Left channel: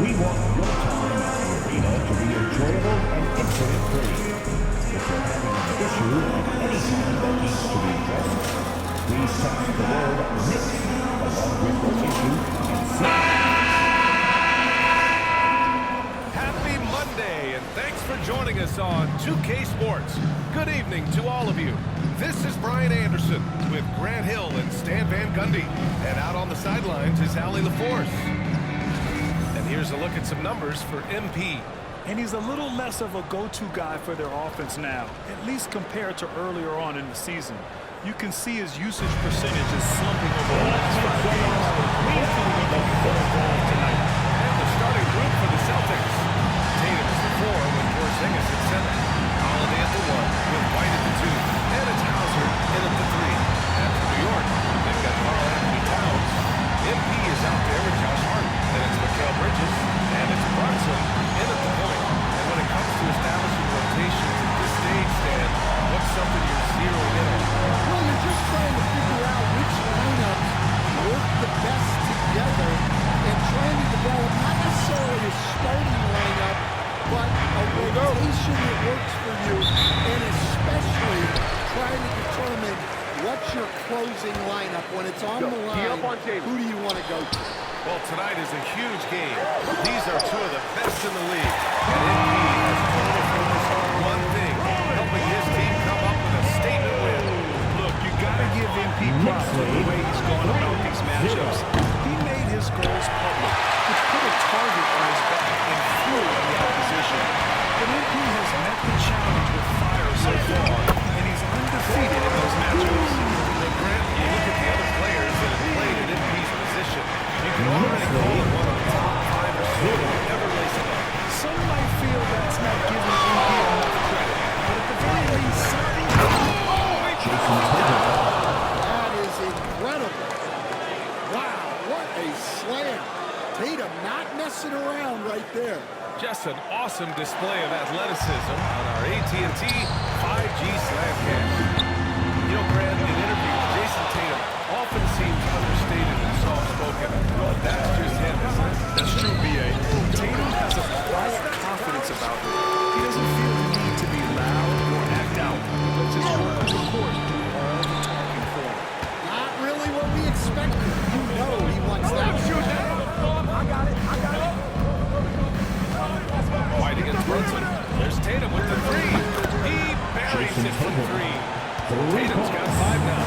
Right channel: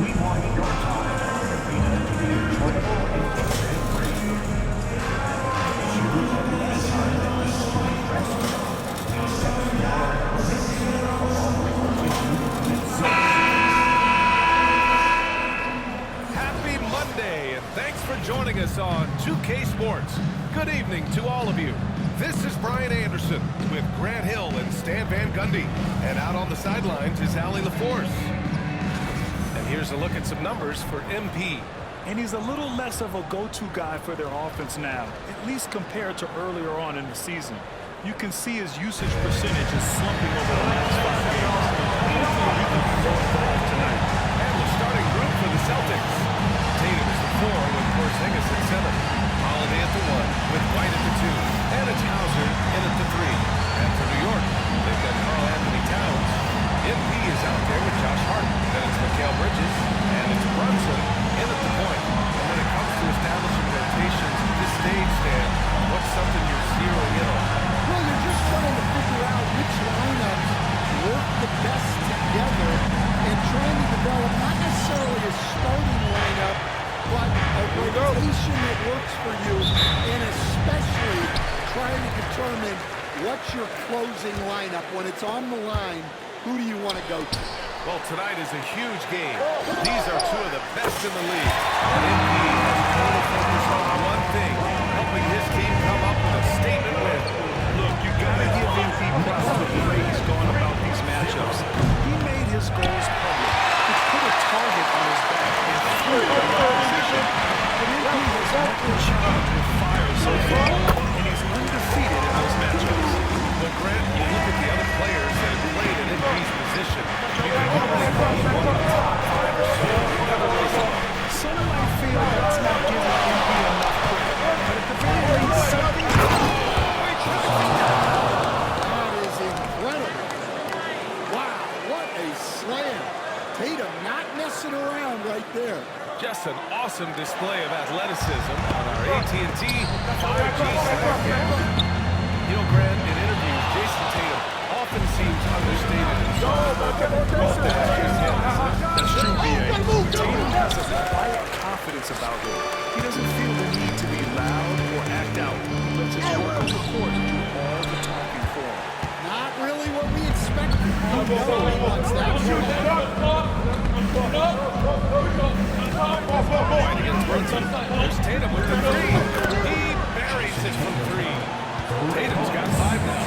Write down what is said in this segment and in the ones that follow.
We want your time at the arena to be enjoyable and incident-free. If you're having an issue at any time that needs to be addressed, please text the word "mix" along with the issue and Happy Monday, and thanks for joining us on 2K Sports. Good evening to all of you. This is Brian Anderson with Grant Hill and Stan Van Gundy. And out on the sidelines is Allie LaForce. And here's a look at some numbers for MP. And he's a little less of a go-to guy for their offense now, at least compared to earlier on in the season. You can see his usage percentage is slumping over the last 5 games. Hopefully he can be more involved tonight. And the starting group for the Celtics. Tatum is the 4 with Porzingis at 7. Holiday at the 1 with White at the 2. And it's Hauser in at the 3. And for New York, they've got Karl Anthony Towns. MP is out there with Josh Hart. Then it's Mikal Bridges. And it's Brunson in at the point. And when it comes to establishing rotations at this stage, Stan, what's something you're zeroing in on? Well, you're just trying to figure out which lineups work the best together and trying to develop not necessarily a starting lineup, but a rotation that works for you, and especially trying to determine what's your closing lineup. When it's on the line, who do you want to go to? Well, tonight is a huge game. These are two of the best in the league. And MP has total focus on one thing, helping his team come up with a statement win. Look, you gotta give MP props for the way he's gone about these matchups. He made his goals public, which put a target on his back and flew the opposition. But MP has met the challenge with fire so far, and he's undefeated in those matchups. Well, Grant, you look at the other players that have played at MP's position, you can already call him one of the top 5 or so who ever lace him up. Some might feel that's not giving MP enough credit, but at the very least, something... That is incredible. Wow, what a slam. Tatum not messing around right there. Just an awesome display of athleticism on our AT&T 5G slam cam. You know, Grant, in interviews, Jason Tatum often seems understated and soft-spoken. Well, that's just him, isn't it? That's true, B.A. Tatum has a quiet confidence about him. He doesn't feel the need to be loud or act out. He lets his work on the court do all the talking for him. Not really what we expected. You know he wants that. White against Brunson. There's Tatum with the 3. He buries it from 3. Tatum's got 5 now.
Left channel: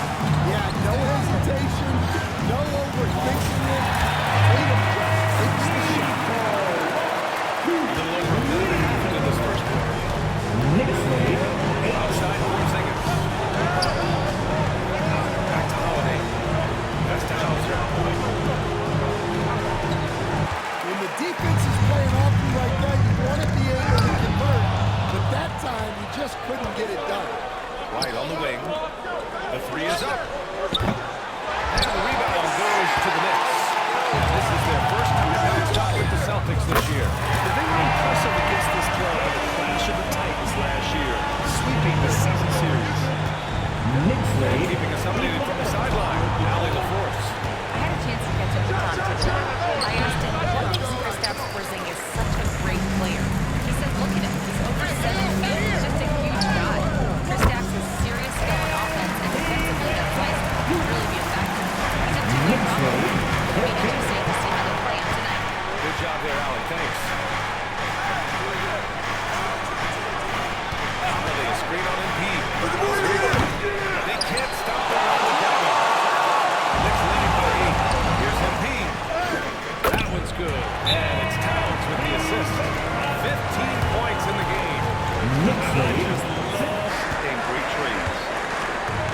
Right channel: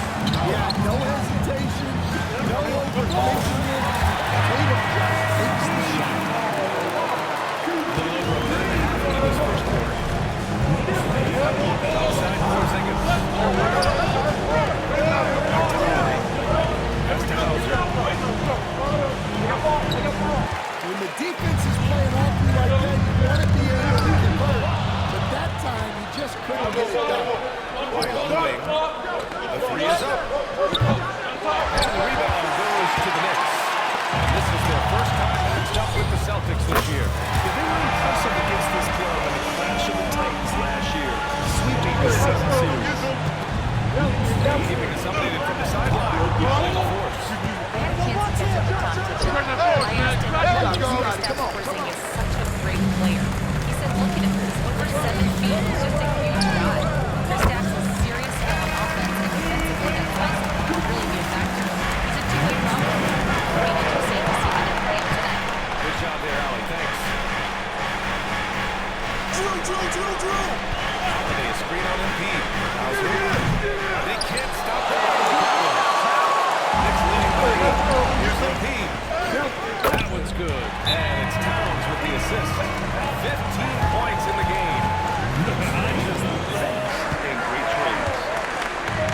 Yeah, no hesitation, no overthinking it. Tatum just takes the shot. A little over a minute and a half into this first quarter. Outside Porzingis. Back to Holiday. That's to Hauser. When the defense is playing off you like that, you want to be able to convert. But that time, you just couldn't get it done. White on the wing. The 3 is up. And the rebound goes to the Knicks. And this is their first time matched up with the Celtics this year. Yeah, they were impressive against this club in the clash of the Titans last year, sweeping the season series. Keeping us updated from the sideline, Allie LaForce. I had a chance to catch up with Tom Thibodeau. I asked him about Kristaps Porzingis is such a great player. He said, look at him. He's over 7 feet. He's just a huge guy. Kristaps has serious skill on offense, and defensively that size can really be a factor. He's a two-way problem. It'll be interesting to see how they play him tonight. Good job there, Allie. Thanks. Holiday, a screen on MP. They can't stop the run with that one. Knicks leading by 8. Here's MP. That one's good. And it's Towns with the assist. 15 points in the game. I just love and great trades.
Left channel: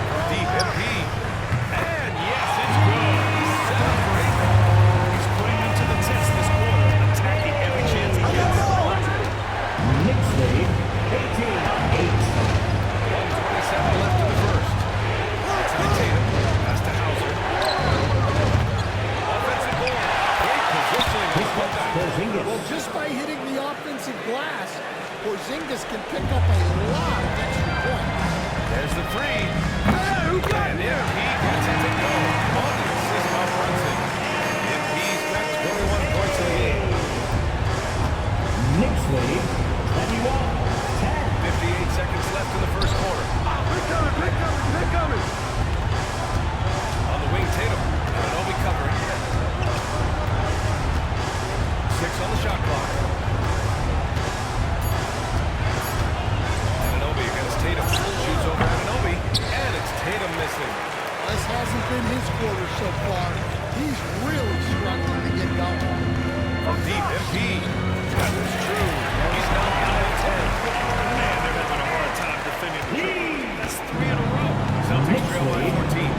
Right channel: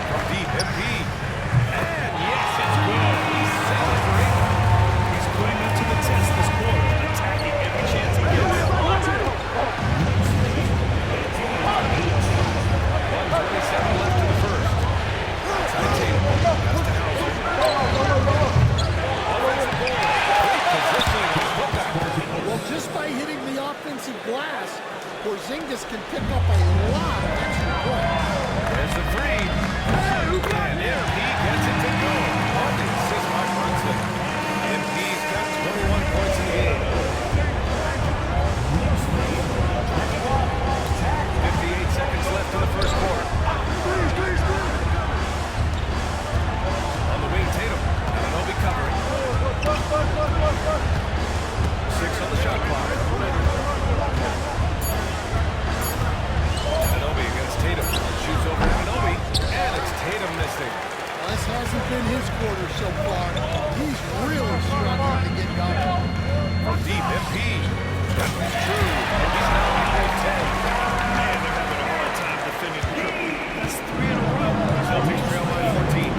From deep, MP. And yes, it's good. He's 7 for 8 now. He's putting them to the test this quarter, attacking every chance he gets. Knicks lead 18-8. 1:27 left in the first. Outside Tatum. Pass to Hauser. Offensive board. Great positioning on the putback. just by hitting the offensive glass, Porzingis can pick up a lot of extra points. There's the three. And MP gets it to go. On the assist by Brunson. MP's got 21 points in the game. Next lead, 58 seconds left in the first quarter. On the wing, Tatum. Anunoby covering. 6 on the shot clock. Anunoby against Tatum. Shoots over Anunoby. And it's Tatum missing. Well, this hasn't been his quarter so far. He's really struggling to get going. From deep, MP. That was true. He's now 9 of 10. Man, they're having a hard time defending the triple. That's 3 in a row. Celtics trail by 14.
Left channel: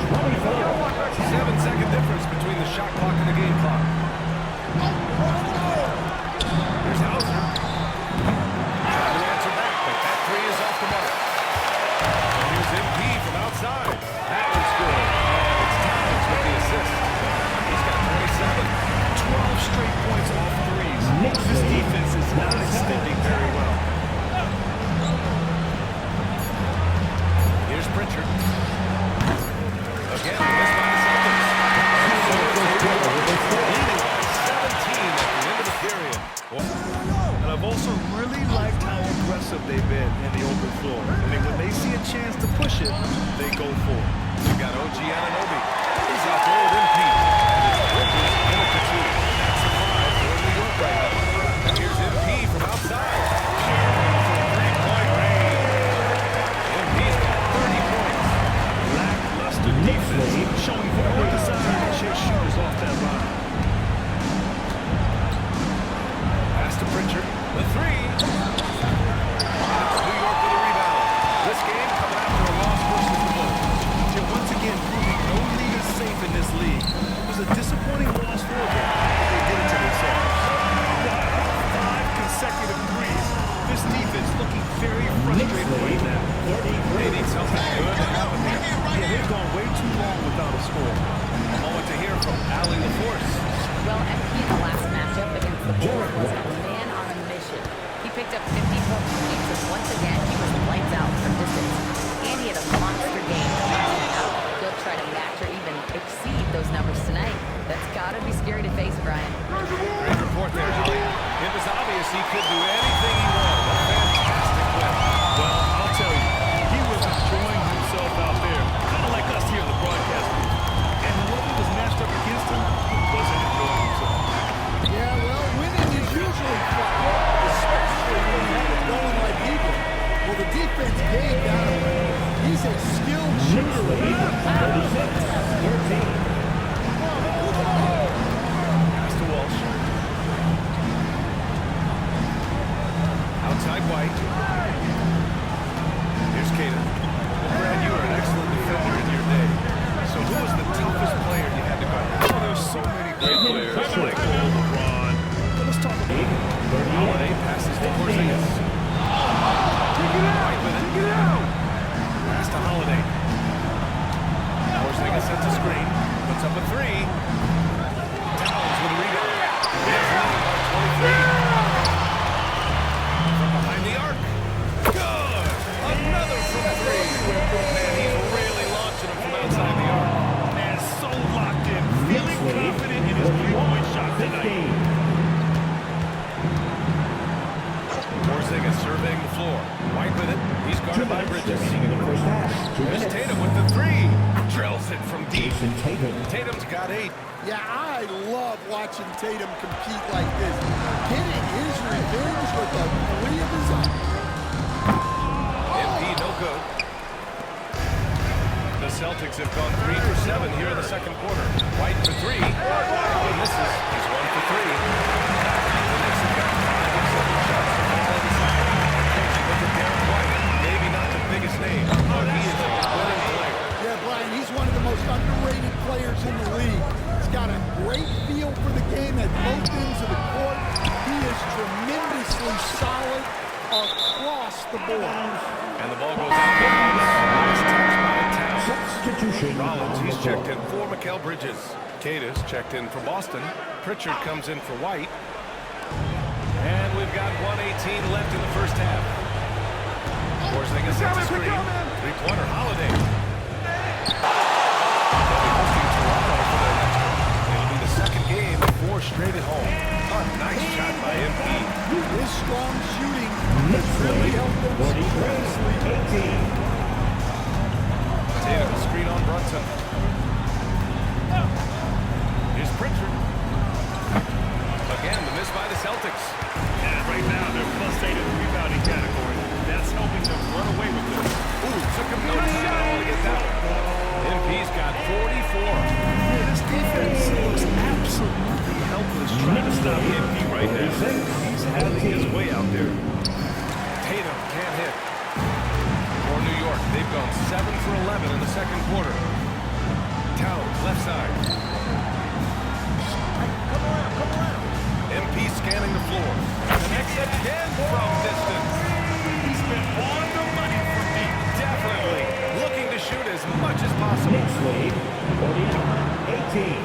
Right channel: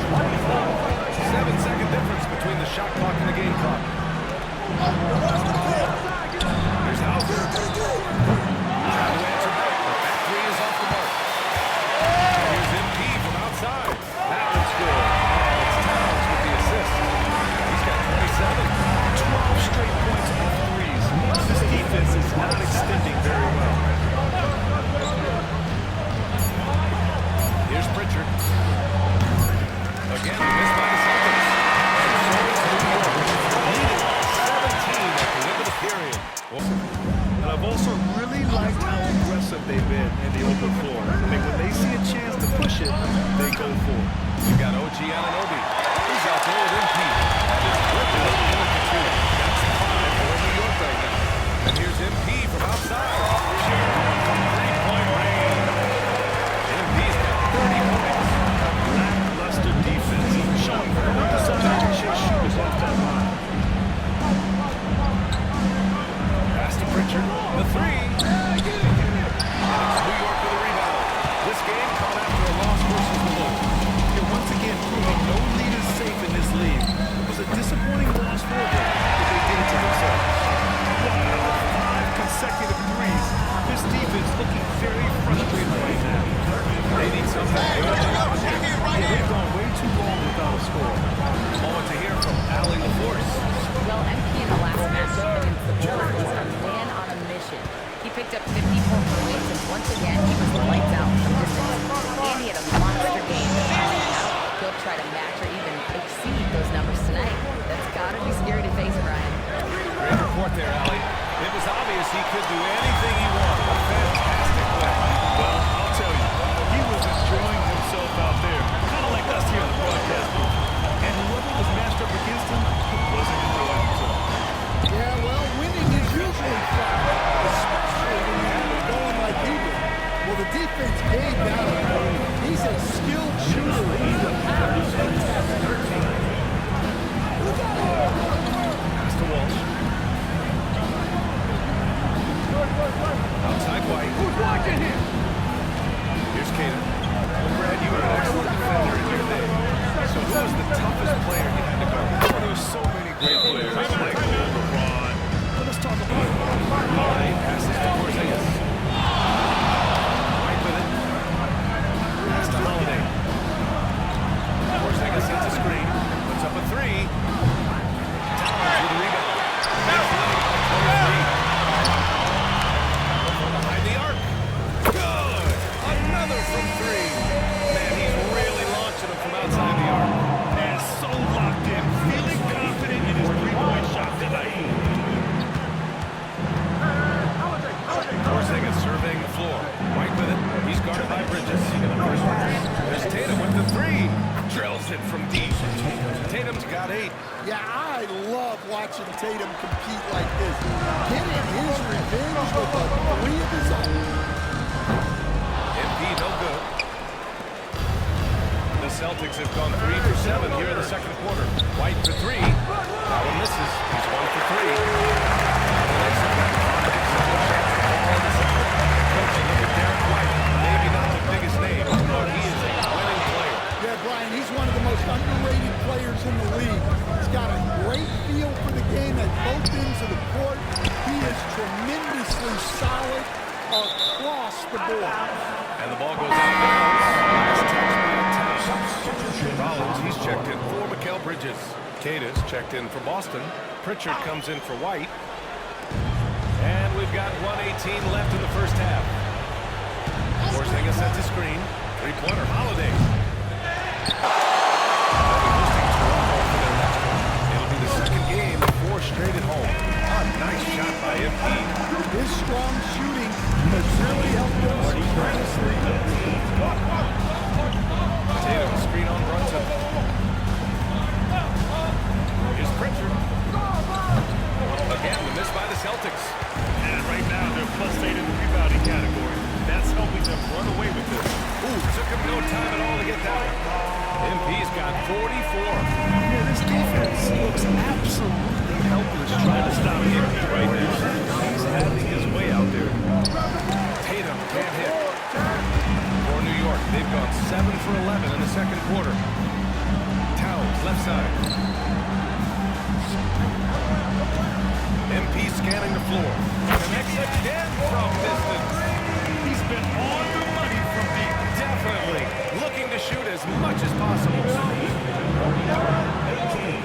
7-second difference between the shot clock and the game clock. Here's Hauser. Trying to answer back, but that three is off the mark. And here's MP from outside. That one's good. And it's Towns with the assist. He's got 27. 12 straight points off threes. This defense is not extending very well. Here's Pritchard. Again, the miss by the Celtics. And so it's New York, leading by 17 at the end of the period. And I've also really liked how aggressive they've been in the open floor. I mean, when they see a chance to push it, they go for it. We've got OG Anunoby. He's out there with MP. And it's Bridges in at the 2. That's 5 for New York right now. And here's MP from outside. From three-point range. MP's got 30 points. Lackluster defense, showing no desire to chase shooters off that line. Pass to Pritchard. The three. And it's New York with a rebound. This game coming after a loss versus the Bulls. They're once again proving no lead is safe in this league. It was a disappointing loss for them, but they did it to themselves. Wow, 5 consecutive threes. This defense looking very frustrated right now. They need something good to happen here. Yeah, they've gone way too long without a score. A moment to hear from Allie LaForce. Well, MP in the last matchup against the Bulls was a man on a mission. He picked up 54 points, and once again, he was lights out from distance. And he had a monster game the last one out. He'll try to match or even exceed those numbers tonight. That's got to be scary to face, Brian. Great report there, Allie. It was obvious he could do anything he wanted. A fantastic win. Well, I'll tell you, he was enjoying himself out there, kind of like us here in the broadcast booth. And whoever was matched up against him wasn't enjoying himself. Yeah, well, winning is usually fun, especially when you have it going like he did. Well, the defense gave that away. He's a skilled shooter. He will have a fantastic time. Pass to Walsh. Outside White. Here's Kata. Well, Brad, you were an excellent defender in your day. So who was the toughest player you had to guard? Oh, there's so many great players. Michael, LeBron. But let's talk about Holiday passes to Porzingis. White with it. Pass to Holiday. Porzingis sets a screen. Puts up a three. Towns with a rebound. It's leading by 23. From behind the arc. Good! Another from three. Man, he's really launching them from outside the arc. and so locked in, feeling confident in his three-point shot tonight. Porzingis surveying the floor. White with it. He's guarded by Bridges. There's Tatum with the three. Drills it from deep. Tatum's got 8. Yeah, I love watching Tatum compete like this. Getting his revenge with a three of his own. MP no good. The Celtics have gone 3 for 7 here in the second quarter. White for 3. That one misses. He's 1 for 3. The Knicks have gotten 5 of 7 shots to fall in the second. And coach, you look at Derek White, maybe not the biggest name, but he is a winning player. Yeah, Brian, he's one of the most underrated players in the league. He's got a great feel for the game at both ends of the court. He is tremendously solid across the board. And the ball goes out of bounds. Last touch by Towns. Rollins, he's checked in for Mikal Bridges. Kata's checked in for Boston. Pritchard comes in for White. And we've got 1:18 left in the first half. Porzingis sets a screen. Three-pointer, Holiday. They'll be hosting Toronto for their next one. It'll be the second game of 4 straight at home. A nice shot by MP. His strong shooting has really helped them secure this lead. Tatum, screen on Brunson. Here's Pritchard. Again, the miss by the Celtics. And right now, they're +8 in the rebounding category. That's helping them run away with this. Ooh, took him no time at all to get that one. MP's got 44. Yeah, this defense looks absolutely helpless trying to stop MP right now. He's having his way out there. Tatum can't hit. For New York, they've gone 7 for 11 in the second quarter. Towns, left side. MP scanning the floor. Connects again from distance. He's been on the money from deep. Definitely looking to shoot as much as possible. 49-18.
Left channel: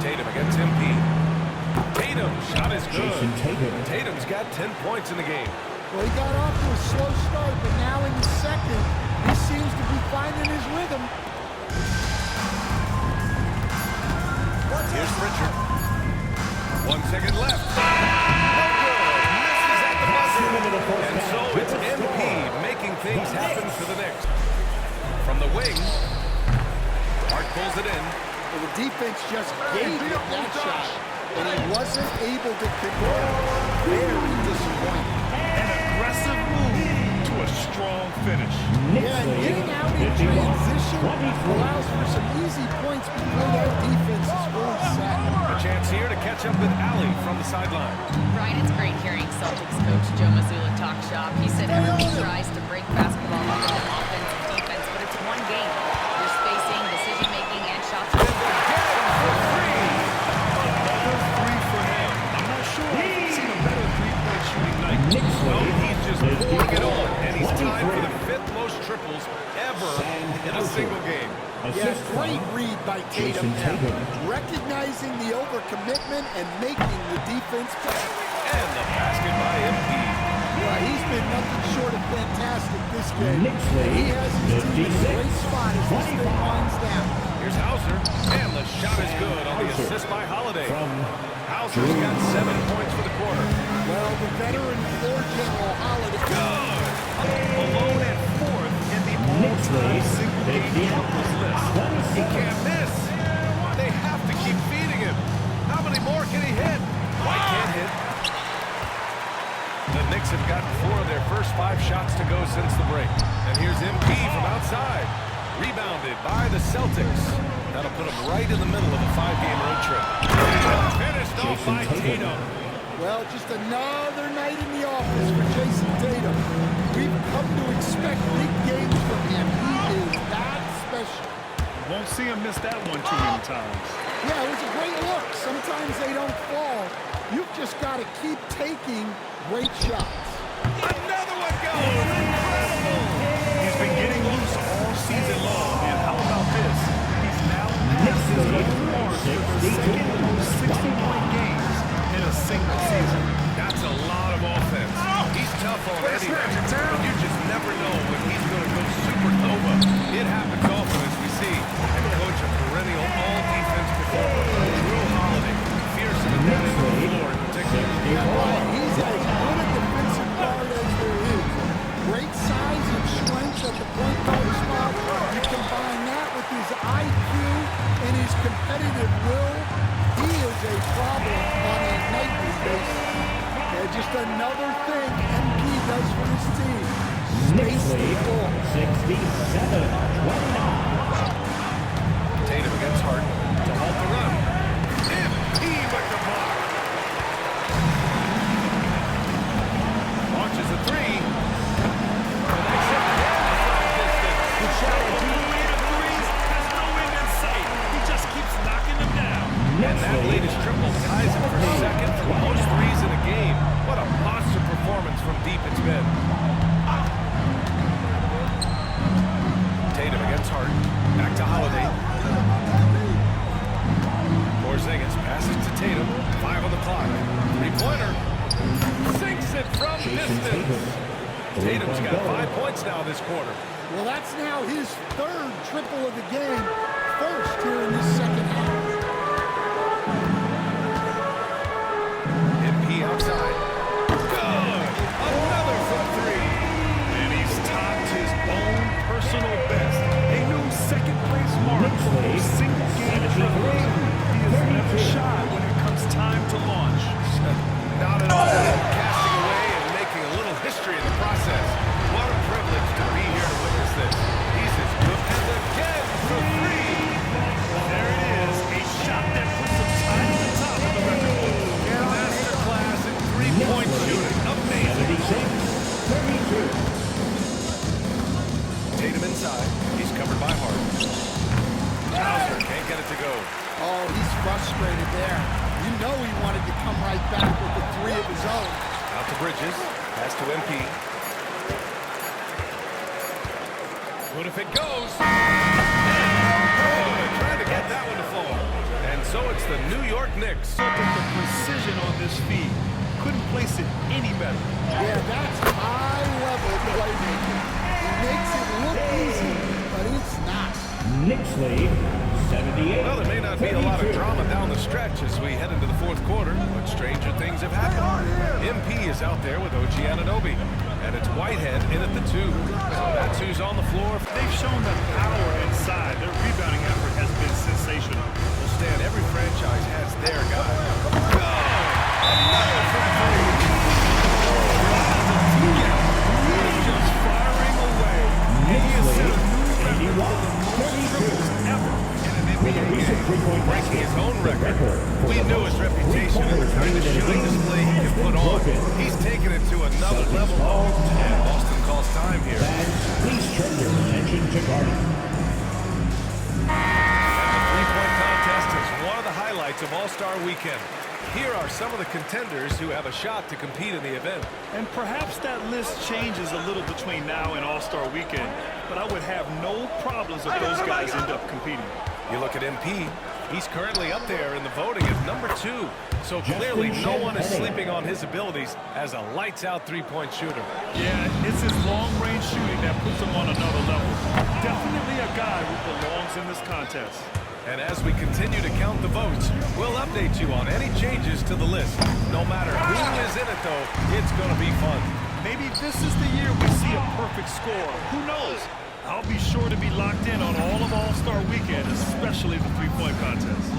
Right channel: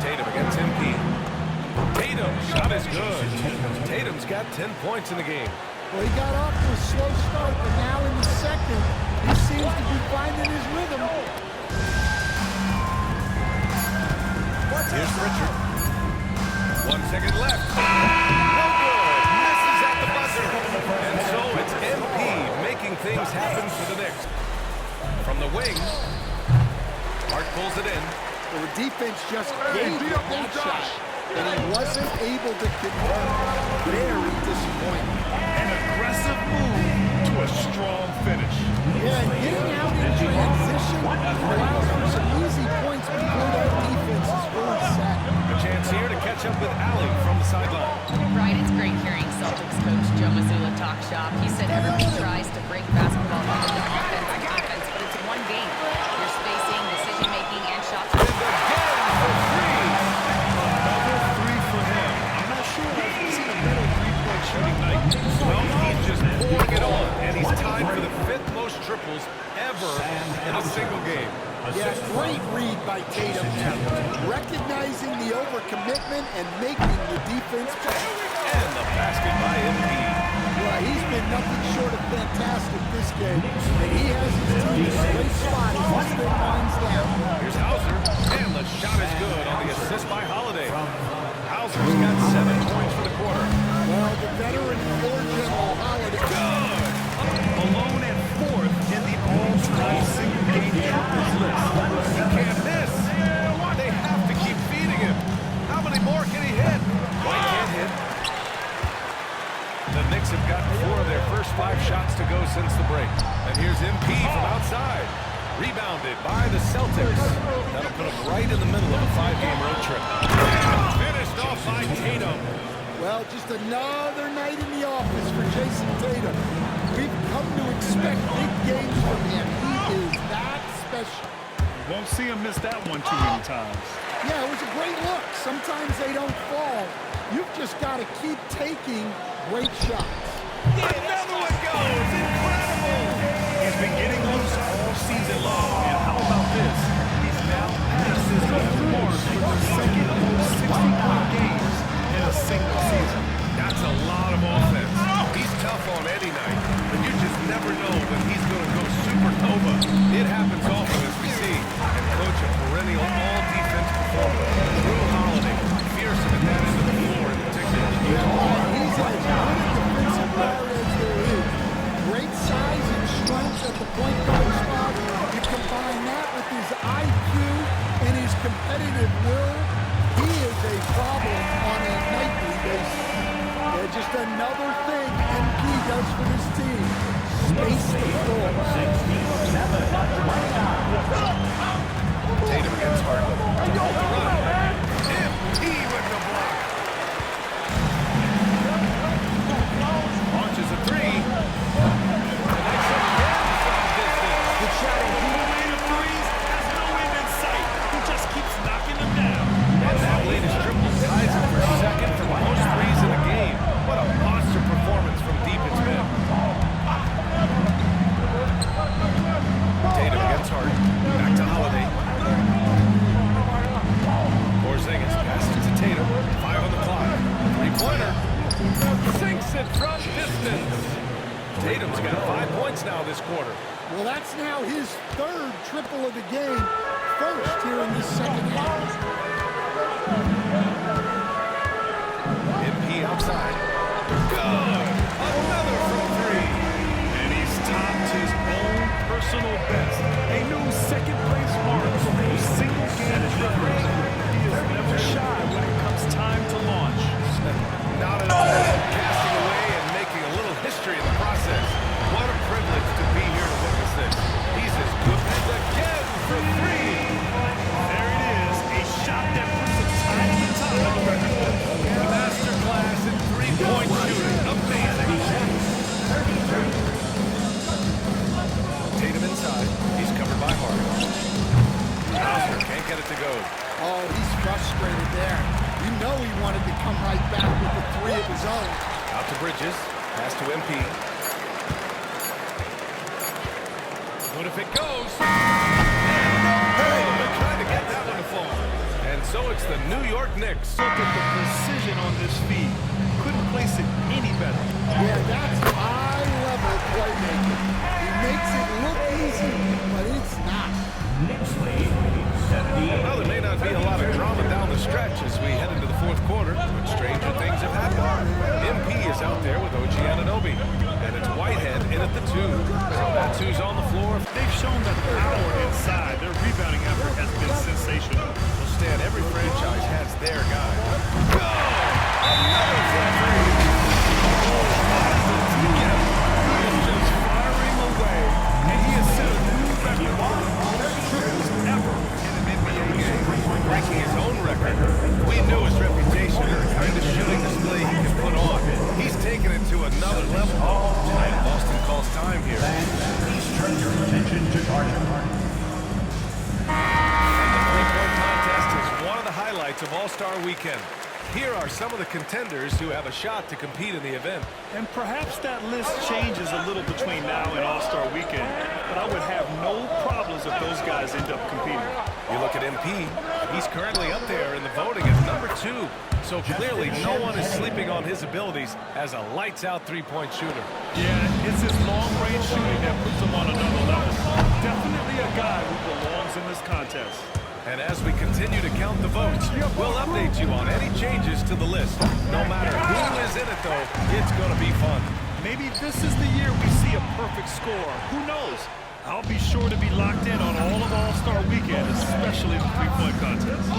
Tatum against MP. Tatum, shot is good. Tatum's got 10 points in the game. Well, he got off to a slow start, but now in the second, he seems to be finding his rhythm. Here's Pritchard. 1 second left. No good. Misses at the buzzer. And so it's MP making things happen for the Knicks. From the wing, Hart pulls it in. Well, the defense just gave him that shot, and he wasn't able to convert. Very disappointing. An aggressive move to a strong finish. Yeah, and getting out in transition allows for some easy points before that defense is fully set. A chance here to catch up with Allie from the sideline. Brian, it's great hearing Celtics coach Joe Mazzulla talk shop. He said everybody tries to break basketball up into offense and defense, but it's one game. Your spacing, decision-making, and shots. And again for 3. Another 3 for him. I'm not sure I've seen a better three-point shooting night. Well, he's just pouring it on, and he's tied for the 5th most triples ever in a single game. Yeah, great read by Tatum now. Recognizing the overcommitment and making the defense pay. And the basket by MP. Well, he's been nothing short of fantastic this game, and he has his team in a great spot as this thing winds down. Here's Hauser, and the shot is good on the assist by Holiday. Hauser's got 7 points for the quarter. Well, the veteran floor general Holiday. Good! Alone at 4th in the all-time single-game triples list. He can't miss. They have to keep feeding him. How many more can he hit? White can't hit. The Knicks have gotten 4 of their first 5 shots to go since the break. And here's MP from outside. Rebounded by the Celtics. That'll put them right in the middle of a 5-game road trip. Finished off by Tatum. Well, just another night in the office for Jason Tatum. We've come to expect big games from him. He is that special. Won't see him miss that one too many times. Yeah, it was a great look. Sometimes they don't fall. You've just got to keep taking great shots. Another one goes. Incredible. He's been getting loose all season long, and how about this? He's now passed his own mark for the second most 60-point games in a single season. That's a lot of offense. He's tough on any night, but you just never know when he's going to go supernova. It happens often, as we see. And coach, a perennial all-defense performer. Drew Holiday, fearsome at that end of the floor in particular. Yeah, right. He's as good a defensive guard as there is. Great size and strength at the point guard spot. You combine that with his IQ and his competitive will, he is a problem on a nightly basis. Yeah, just another thing MP does for this team. Space the floor. 67-29. Tatum against Hart to halt the run. MP with the block. Launches a 3. Connects again from distance. Good shot, MP. The parade of threes has no end in sight. He just keeps knocking them down. And that latest triple ties him for second for most threes in the game. What a monster performance from deep it's been. Tatum against Hart. Back to Holiday. Porzingis passes to Tatum. 5 on the clock. 3 three-pointer. Sinks it from distance. Tatum's got 5 points now this quarter. Well, that's now his third triple of the game. First here in this second half. MP outside. Good! Another from three. And he's topped his own personal best. A new second-place mark for most single-game triples. He is never shy when it comes time to launch. Not at all. Casting away and making a little history in the process. What a privilege to be here to witness this. He's as good. And again for three. There it is. A shot that puts him tied at the top of the record book. Masterclass in three-point shooting. Amazing. 32. Tatum inside. He's covered by Harden. Hauser can't get it to go. Oh, he's frustrated there. You know he wanted to come right back with the three of his own. Out to Bridges. Pass to MP. What if it goes? And no good. Trying to get that one to fall. And so it's the New York Knicks. Look at the precision on this feed. Couldn't place it any better. Yeah, that's high-level playmaking. He makes it look easy, but it's not. Knicks lead 78. Well, there may not be a lot of drama down the stretch as we head into the fourth quarter, but stranger things have happened. MP is out there with OG Anunoby, and it's Whitehead in at the two. So that's who's on the floor. They've shown that power inside. Their rebounding effort has been sensational. Well, Stan, every franchise has their guy. Good! Another from three. Oh, how does the team get him? He is just firing away, and he has set a new record for the most triples ever in an NBA game. Breaking his own record. We knew his reputation and the kind of shooting display he can put on. He's taken it to another level, though. And Boston calls time here. Please turn your attention to Gardner. And the three-point contest is one of the highlights of All-Star Weekend. Here are some of the contenders who have a shot to compete in the event. And perhaps that list changes a little between now and All-Star Weekend, but I would have no problems if those guys end up competing. You look at MP, he's currently up there in the voting at number 2. So clearly no one is sleeping on his abilities as a lights-out three-point shooter. Yeah, it's his long-range shooting that puts him on another level. Definitely a guy who belongs in this contest. And as we continue to count the votes, we'll update you on any changes to the list. No matter who is in it, though, it's going to be fun. Maybe this is the year we see a perfect score. Who knows? I'll be sure to be locked in on all of All-Star Weekend, especially the three-point contest.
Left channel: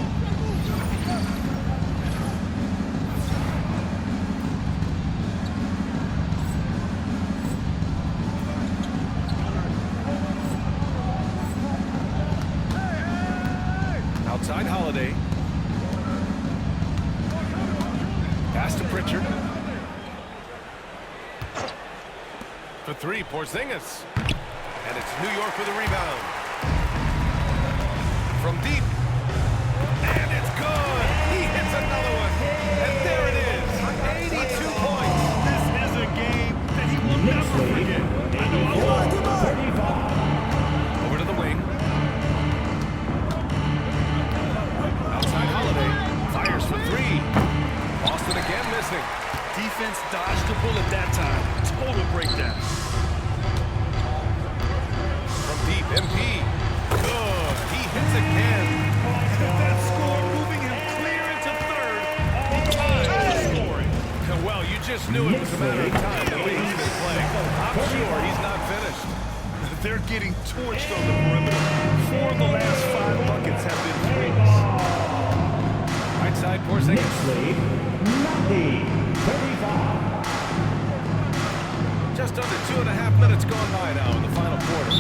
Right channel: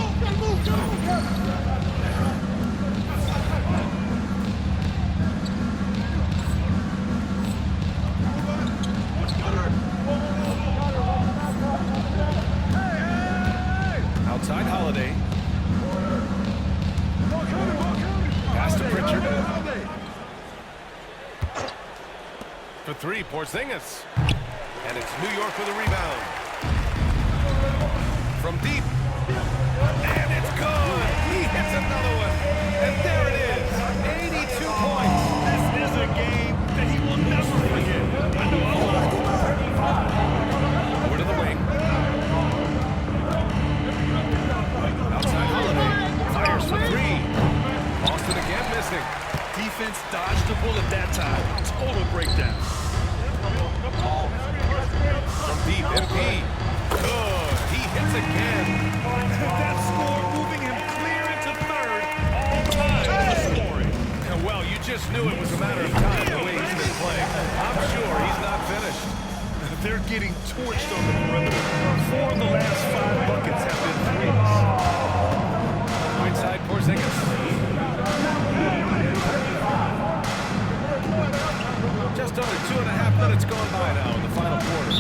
Outside Holiday. Pass to Pritchard. For three, Porzingis. And it's New York with a rebound. From deep. And it's good. He hits another one. And there it is. 82 points. This is a game that he will never forget. I know I will. Over to the wing. Outside Holiday. Fires for three. Boston again missing. Defense dodged the bullet that time. Total breakdown. From deep, MP. Good. He hits again. That score moving him clear into third. All time scoring. Well, you just knew it was a matter of time the way he's been playing. I'm sure he's not finished. They're getting torched on the perimeter. 4 of the last 5 buckets have been threes. Right side, Porzingis. Just under 2.5 minutes gone by now in the final quarter.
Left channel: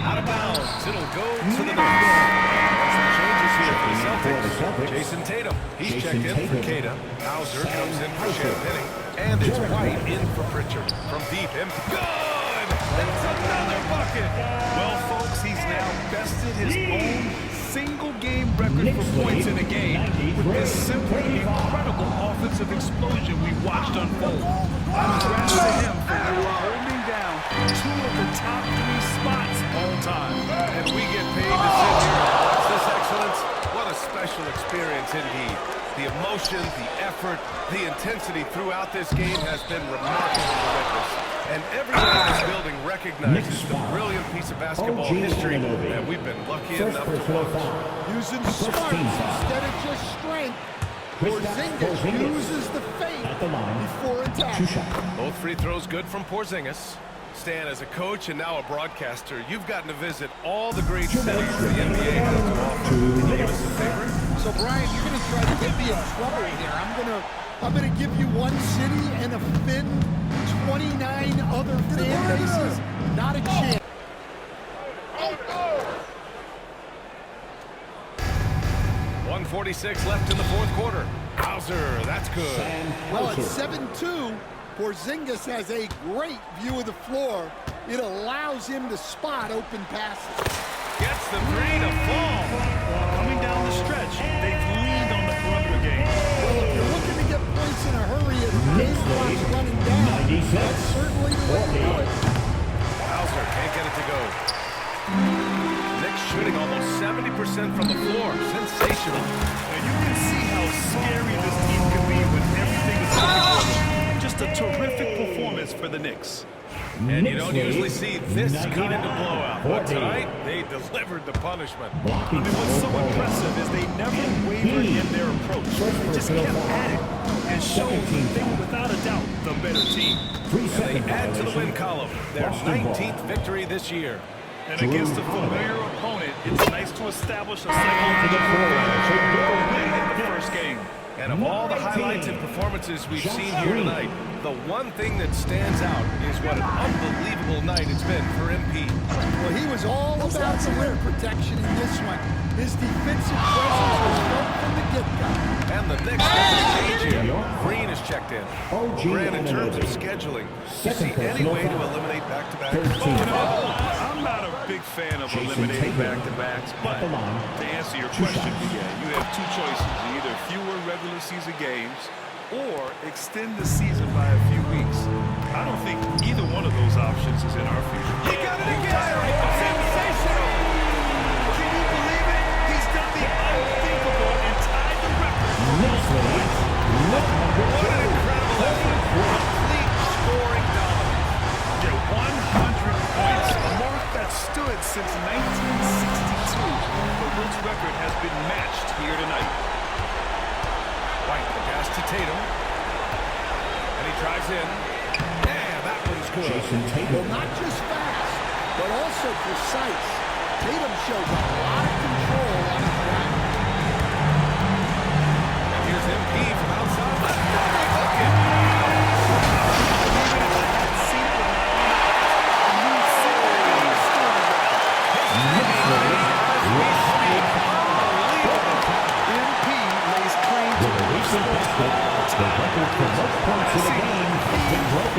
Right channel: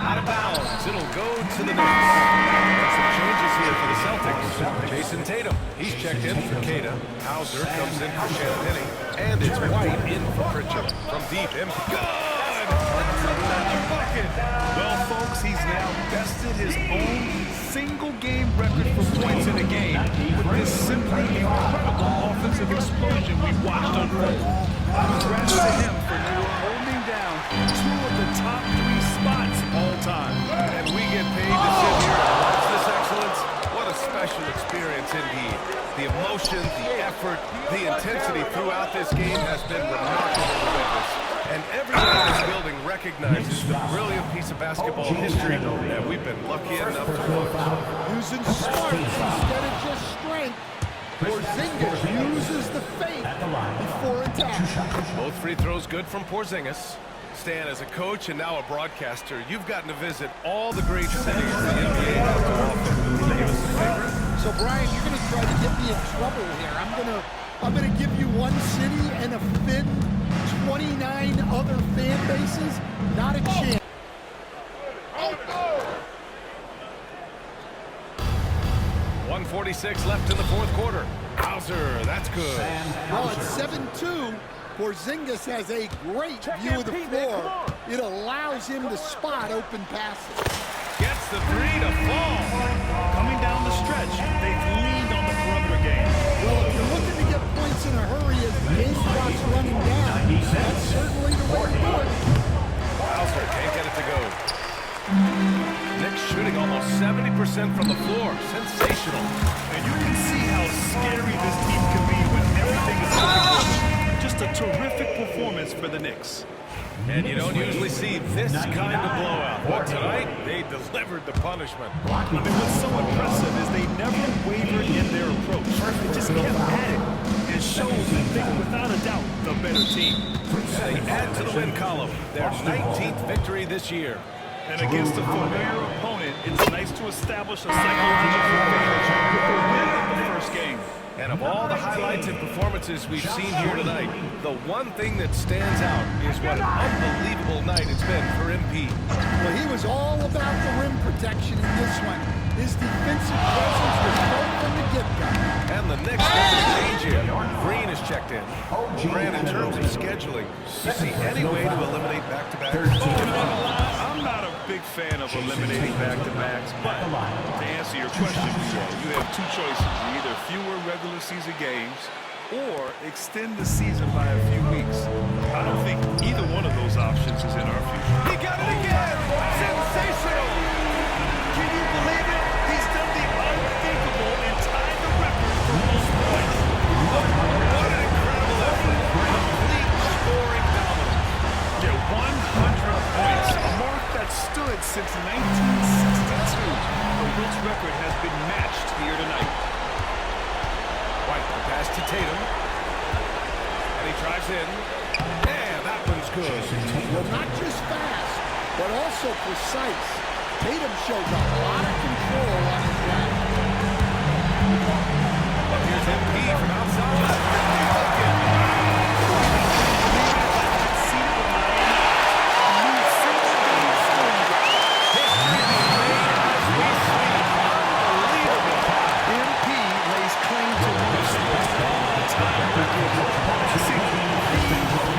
Out of bounds, it'll go to the Knicks. And some changes here for the Celtics. Jason Tatum, he's checked in for Kata. Hauser comes in for Champagny. And it's White in for Pritchard. From deep, good! That's another bucket! Well, folks, he's now bested his own single-game record for points in a game with this simply incredible offensive explosion we watched unfold. Congrats to him for now holding down down two of the top 3 spots all time. And we get paid to sit here and watch this excellence. What a special experience indeed. The emotion, the effort, the intensity throughout this game has been remarkable to witness. And everyone in this building recognizes the brilliant piece of basketball history that we've been lucky enough to watch. Using smarts instead of just strength. Porzingis uses the feint before attack. Both free throws good from Porzingis. Stan, as a coach and now a broadcaster, you've gotten to visit all the great cities the NBA has to offer. Can you give us a favorite? So, Brian, you're going to try to get me in trouble here. I'm gonna give you one city and offend 29 other fan bases. Not a chance. 1:46 left in the fourth quarter. Hauser, that's good. Well, at 7-2, Porzingis has a great view of the floor. It allows him to spot open passes. Gets the 3 to fall. Coming down the stretch, they've leaned on the perimeter game. Well, if you're looking to get points in a hurry as the game clock's running down, that's certainly the way to do it. Hauser can't get it to go. Knicks shooting almost 70% from the floor. Sensational. And you can see how scary this team can be when everything is looking good. Just a terrific performance for the Knicks. And you don't usually see this kind of blowout. But tonight, they delivered the punishment. I mean, what's so impressive is they never wavered in their approach. They just kept at it and showed that they were without a doubt the better team. And they add to the win column, their 19th victory this year. And against a familiar opponent, it's nice to establish a psychological advantage with a win in the first game. And of all the highlights and performances we've seen here tonight, the one thing that stands out is what an unbelievable night it's been for MP. Well, he was all about the rim protection in this one. His defensive presence was felt from the get-go. And the Knicks making a change here. Green is checked in. Grant, in terms of scheduling, you see any way to eliminate back-to-backs? You know, I'm not a big fan of eliminating back-to-backs, but to answer your question, you have two choices. Either fewer regular season games or extend the season by a few weeks. I don't think either one of those options is in our future. He got it again! Sensational! Can you believe it? He's done the unthinkable and tied the record for most points. What an incredible effort. Complete scoring dominance. Yeah, 100 points, a mark that stood since 1962. The Wilt's record has been matched here tonight. White, the pass to Tatum. And he drives in. Yeah, that one's good. Well, not just fast, but also precise. Tatum shows a lot of control on his drive. And here's MP from outside. Another bucket. I wouldn't believe it if I hadn't seen it with my own eyes. A new single-game scoring record. History being made as we speak. Unbelievable. MP lays claim to one of sports all-time records. Passing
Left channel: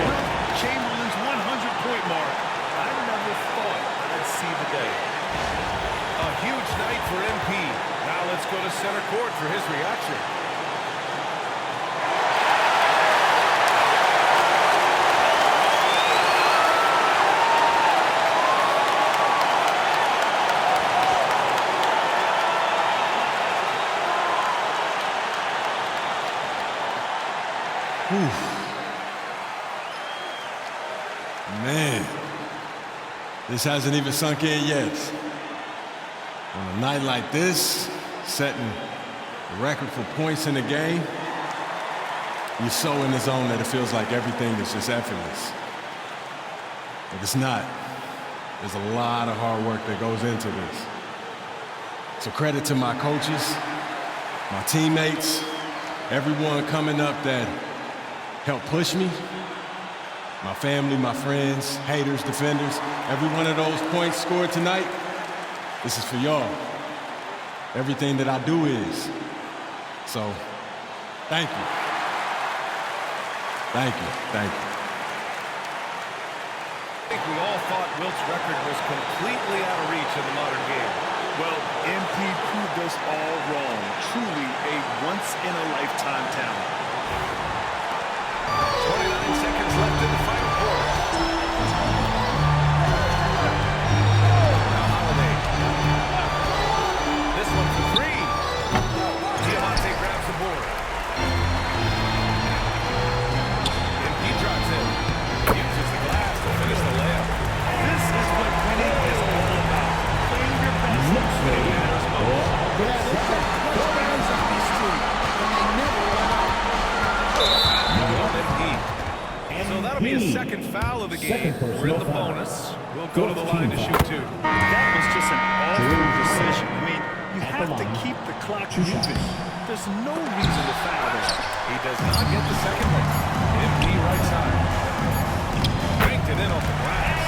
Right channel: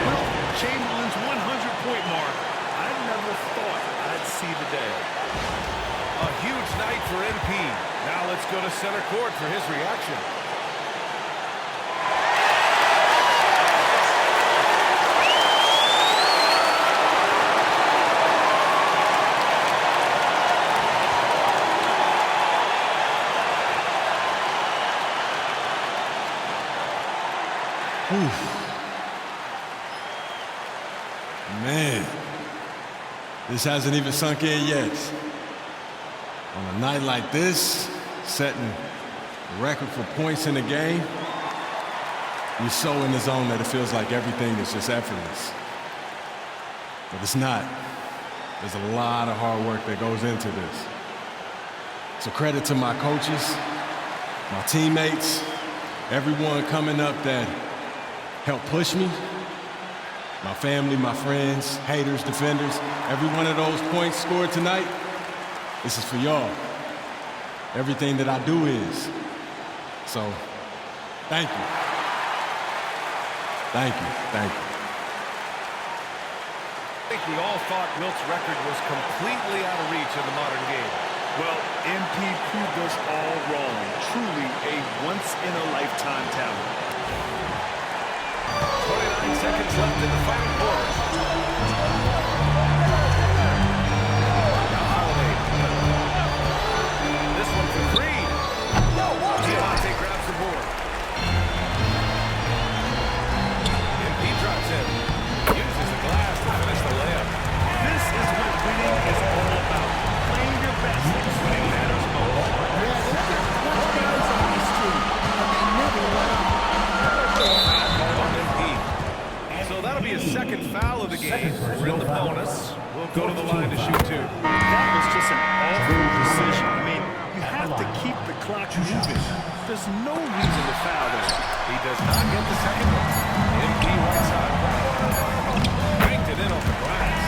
Wilt Chamberlain's 100-point mark. I never thought I'd see the day. A huge night for MP. Now let's go to center court for his reaction. Man, this hasn't even sunk in yet. On a night like this, setting the record for points in the game, you're so in the zone that it feels like everything is just effortless. But it's not. There's a lot of hard work that goes into this. So credit to my coaches, my teammates, everyone coming up that helped push me. My family, my friends, haters, defenders, every one of those points scored tonight, this is for y'all. Everything that I do is. So, thank you. Thank you, thank you. I think we all thought Wilt's record was completely out of reach in the modern game. Well, MP proved us all wrong. Truly a once-in-a-lifetime talent. 29 seconds left in the final quarter. Now Holiday. This one for three. Diamante grabs the board. MP drives in. Uses the glass to finish the layup. This is what winning is all about. Playing your best when it matters most. Yeah, they've got clutch guys on this team, and they never let up. Foul going on MP. So that'll be his second foul of the game. We're in the bonus. We'll go to the line to shoot two. That was just an awful decision. I mean, you have to keep the clock moving. There's no reason to foul there. He does not get the second one. MP right side. Banked it in off the glass.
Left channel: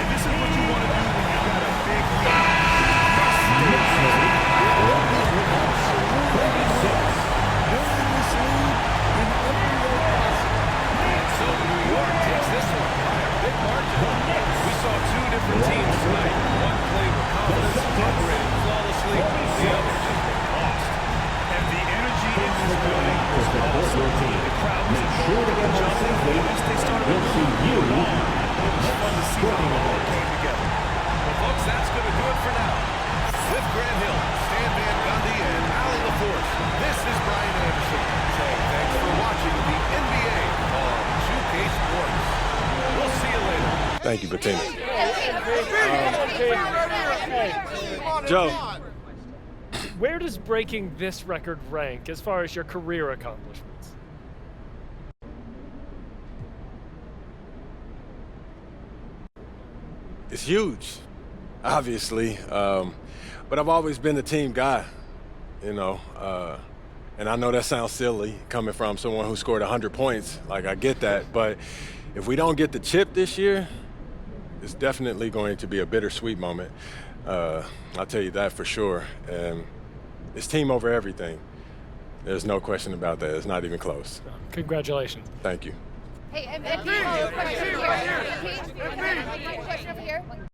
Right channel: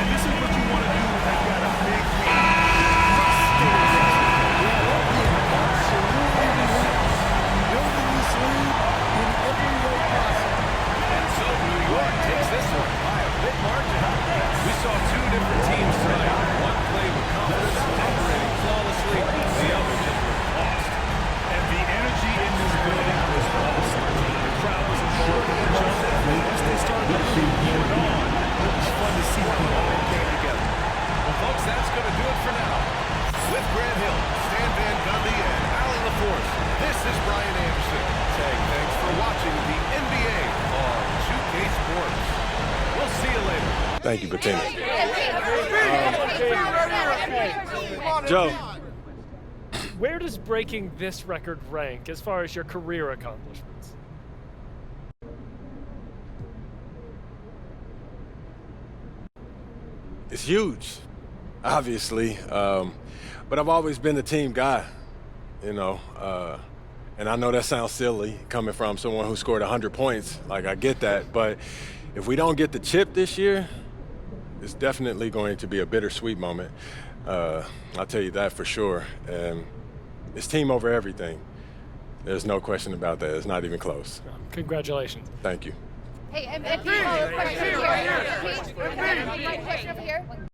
And this is what you want to do when you've got a big lead. You must stay aggressive. Yeah, they're being absolutely relentless, building this lead in every way possible. And so New York takes this one by a big margin. We saw two different teams tonight. One played with confidence, operating flawlessly. The other just looked lost. And the energy in this building was awesome. The crowd was involved in the jumping. Once they started to really pour it on, it was fun to see how it all came together. Well, folks, that's going to do it for now. With Grant Hill, Stan Van Gundy, and Ali LaForce, this is Brian Anderson saying thanks for watching the NBA on 2K Sports. We'll see you later. Thank you, Bettina. Joe. Where does breaking this record rank as far as your career accomplishments? It's huge, obviously, but I've always been a team guy, you know, and I know that sounds silly coming from someone who scored 100 points. Like, I get that, but if we don't get the chip this year, it's definitely going to be a bittersweet moment. I'll tell you that for sure. And it's team over everything. There's no question about that. It's not even close. Congratulations. Thank you. Hey, MP, question over here.